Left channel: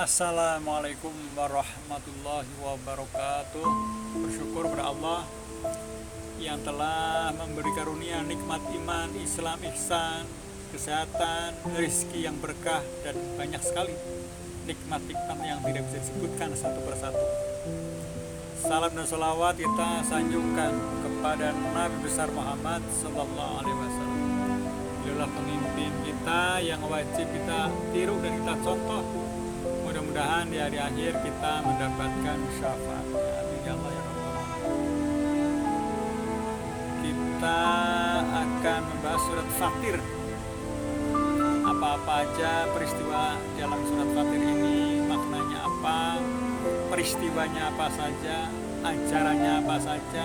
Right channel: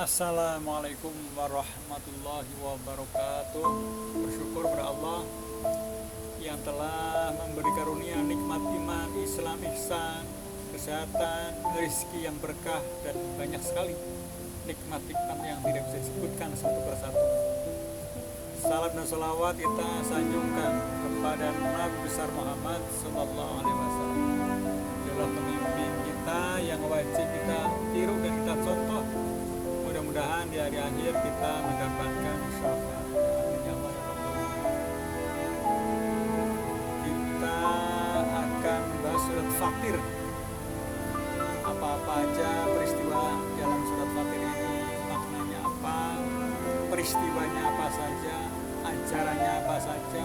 Assalamualaikum warahmatullahi wabarakatuh. Bersyukur kepada Allah yang telah memberi karunia nikmat iman, Islam, ihsan, kesehatan, rezeki yang berkah, dan banyak sekali nikmat-nikmat yang tidak bisa disebutkan satu persatu. Salam dan salawat kita sanjungkan kepada Nabi besar Muhammad Sallallahu Alaihi Wasallam. Beliaulah pemimpin kita yang wajib kita tiru dan kita contoh. Mudah-mudahan di hari akhir kita mendapatkan syafaatnya. Amin ya Allah ya Rabbal Alamin. Kita akan membahas surat Fatir. Apa-apa aja peristiwa dalam surat Fatir ini, maknanya apa, peristiwanya apa saja, ajarannya apa saja.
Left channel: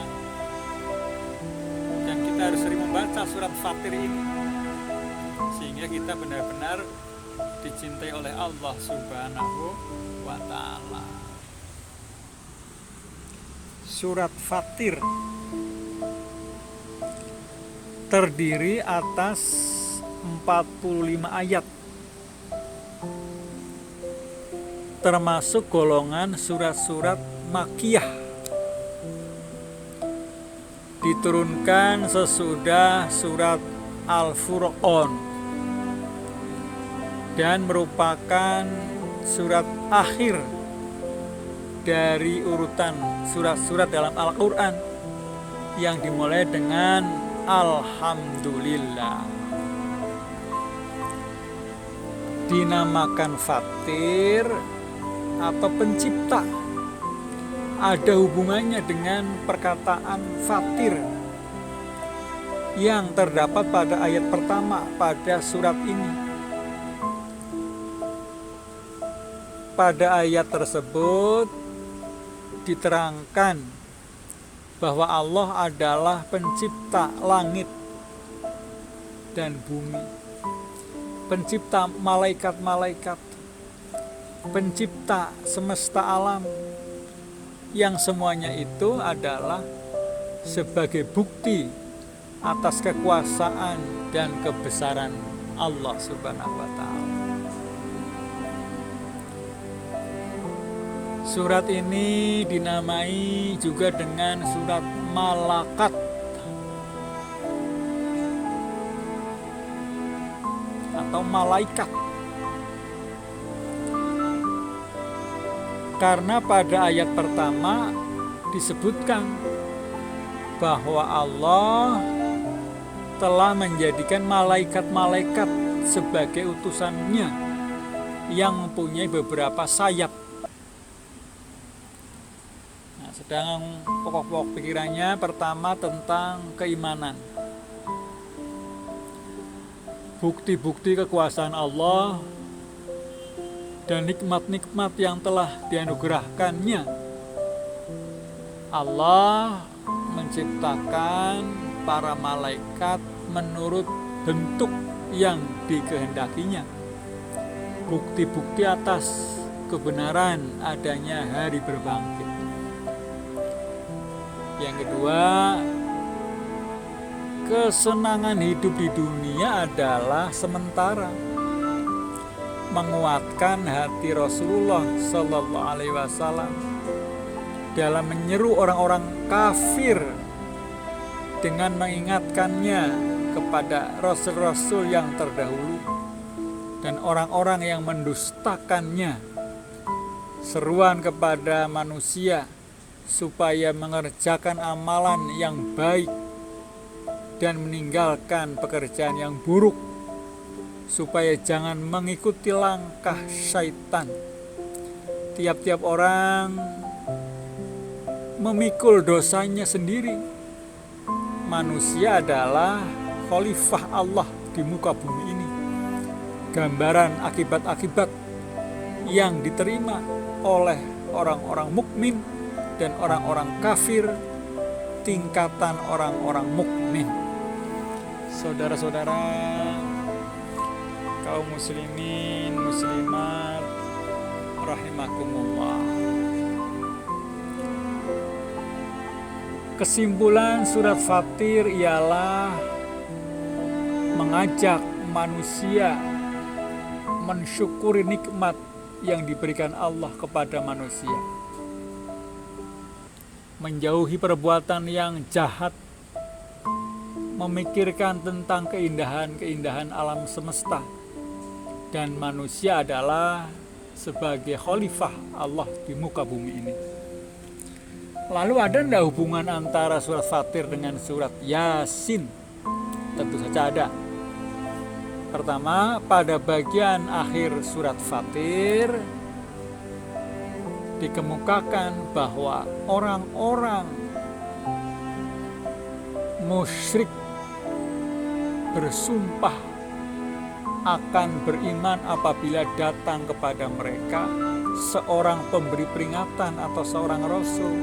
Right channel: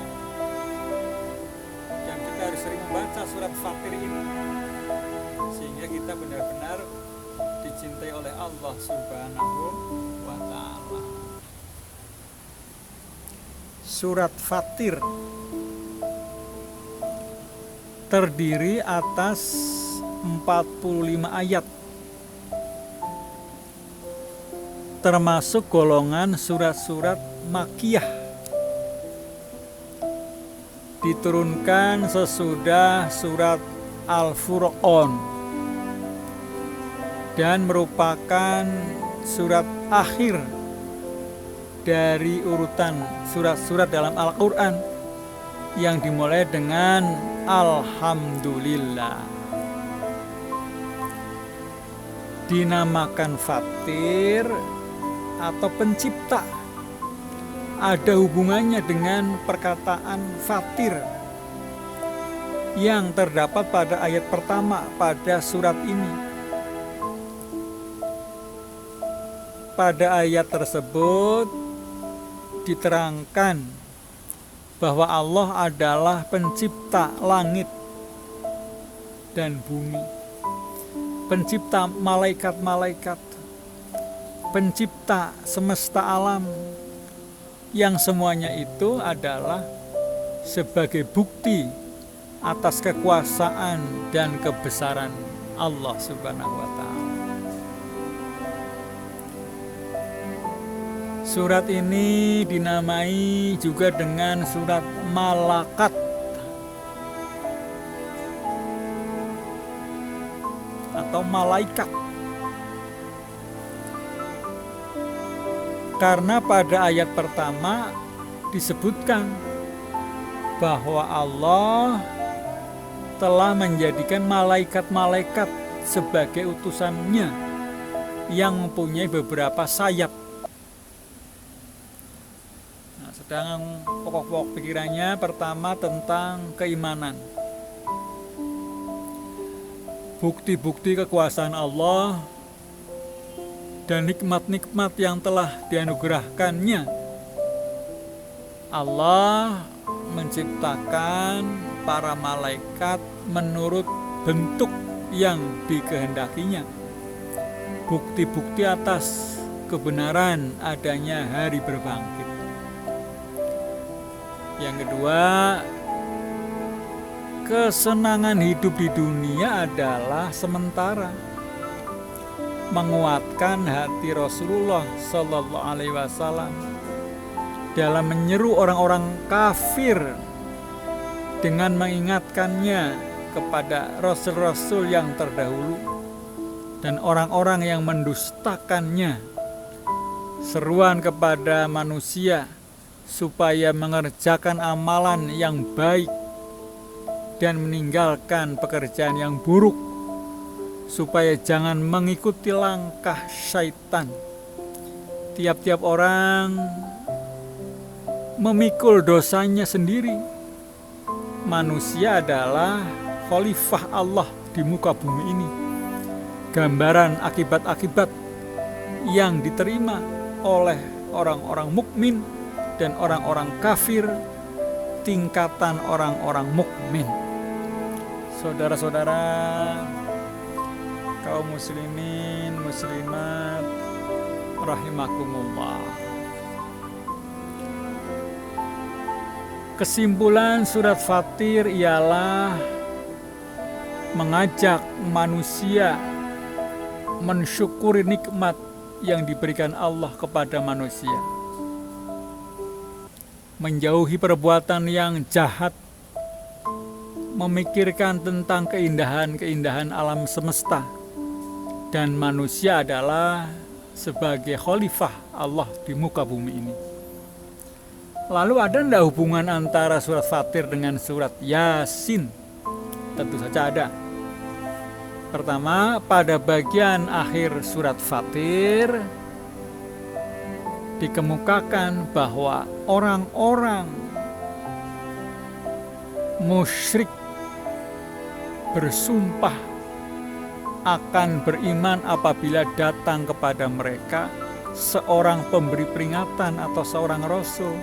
Dan kita harus sering membaca surat Fatir ini sehingga kita benar-benar dicintai oleh Allah Subhanahu wa Ta'ala. Surat Fatir terdiri atas 45 ayat, termasuk golongan surat-surat Makkiyah, diturunkan sesudah surat Al-Furqan dan merupakan surat akhir dari urutan surat-surat dalam Al-Quran yang dimulai dengan Alhamdulillah. Dinamakan Fatir atau pencipta, ada hubungannya dengan perkataan Fatir yang terdapat pada ayat pertama pada surat ini. Pada ayat tersebut diterangkan bahwa Allah adalah pencipta langit dan bumi, pencipta malaikat-malaikat, pencipta semesta alam, yang semuanya itu adalah sebagai bukti atas kekuasaan dan kebesaran Allah Subhanahu wa Ta'ala. Surat ini dinamai juga dengan surat Malakat atau malaikat, karena pada ayat pertama disebutkan bahwa Allah telah menjadikan malaikat-malaikat sebagai utusannya yang mempunyai beberapa sayap. Sedang pokok-pokok pikirannya pertama tentang keimanan, bukti-bukti kekuasaan Allah dan nikmat-nikmat yang telah dianugerahkannya. Allah menciptakan para malaikat menurut bentuk yang dikehendakinya, bukti-bukti atas kebenaran adanya hari berbangkit. Yang kedua, kesenangan hidup di dunia adalah sementara, menguatkan hati Rasulullah Sallallahu Alaihi Wasallam dalam menyeru orang-orang kafir dengan mengingatkannya kepada rasul-rasul yang terdahulu dan orang-orang yang mendustakannya. Seruan kepada manusia supaya mengerjakan amalan yang baik dan meninggalkan pekerjaan yang buruk, supaya jangan mengikuti langkah syaitan. Tiap-tiap orang memikul dosanya sendiri. Manusia adalah khalifah Allah di muka bumi ini. Gambaran akibat-akibat yang diterima oleh orang-orang mukmin dan orang-orang kafir, tingkatan orang-orang mukmin. Saudara-saudara kaum muslimin muslimat rahimakumullah. Kesimpulan surat Fatir ialah mengajak manusia mensyukuri nikmat yang diberikan Allah kepada manusia. Menjauhi perbuatan yang jahat, memikirkan tentang keindahan-keindahan alam semesta, dan manusia adalah sebagai khalifah Allah di muka bumi ini. Lalu ada tidak hubungan antara surat Fatir dengan surat Yasin? Tentu saja ada. Pertama, pada bagian akhir surat Fatir dikemukakan bahwa orang-orang musyrik bersumpah akan beriman apabila datang kepada mereka seorang pemberi peringatan atau seorang rasul.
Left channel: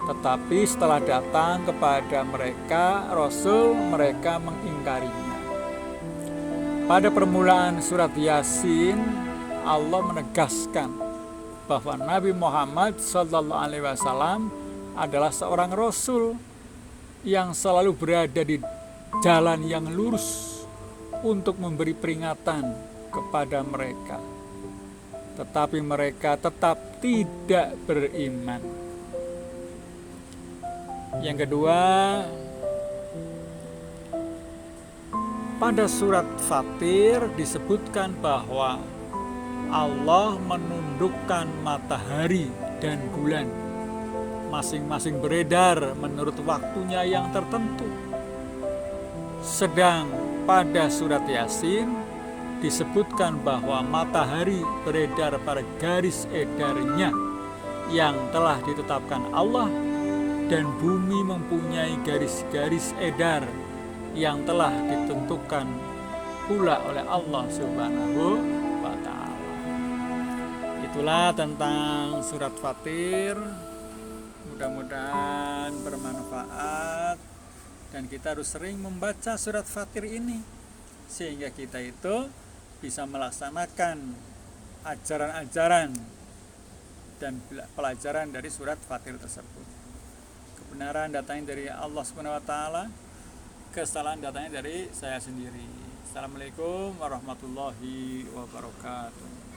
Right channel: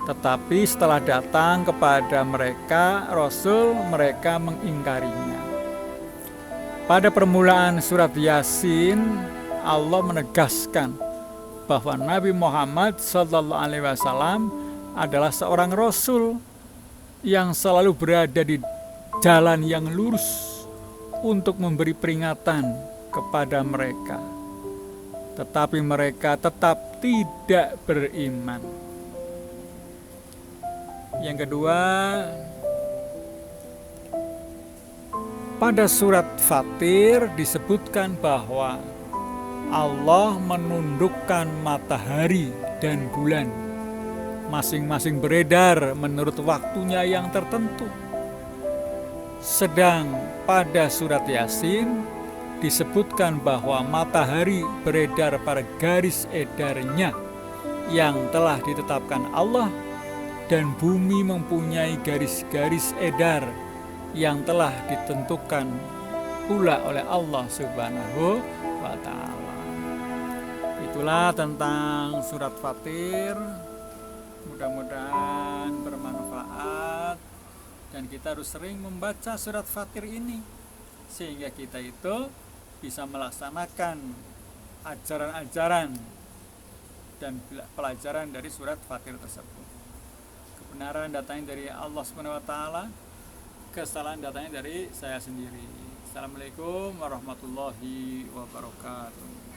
Tetapi setelah datang kepada mereka rasul, mereka mengingkarinya. Pada permulaan surat Yasin, Allah menegaskan bahwa Nabi Muhammad SAW adalah seorang rasul yang selalu berada di jalan yang lurus untuk memberi peringatan kepada mereka. Tetapi mereka tetap tidak beriman. Yang kedua, pada surat Fatir disebutkan bahwa Allah menundukkan matahari dan bulan, masing-masing beredar menurut waktunya yang tertentu. Sedang pada surat Yasin disebutkan bahwa matahari beredar pada garis edarnya yang telah ditetapkan Allah, dan bumi mempunyai garis-garis edar yang telah ditentukan pula oleh Allah Subhanahu wa Ta'ala. Itulah tentang surat Fatir. Mudah-mudahan bermanfaat, dan kita harus sering membaca surat Fatir ini sehingga kita itu bisa melaksanakan ajaran-ajaran dan pelajaran dari surat Fatir tersebut. Kebenaran datangnya dari Allah Subhanahu wa Ta'ala, kesalahan datangnya dari saya sendiri. Assalamualaikum warahmatullahi wabarakatuh.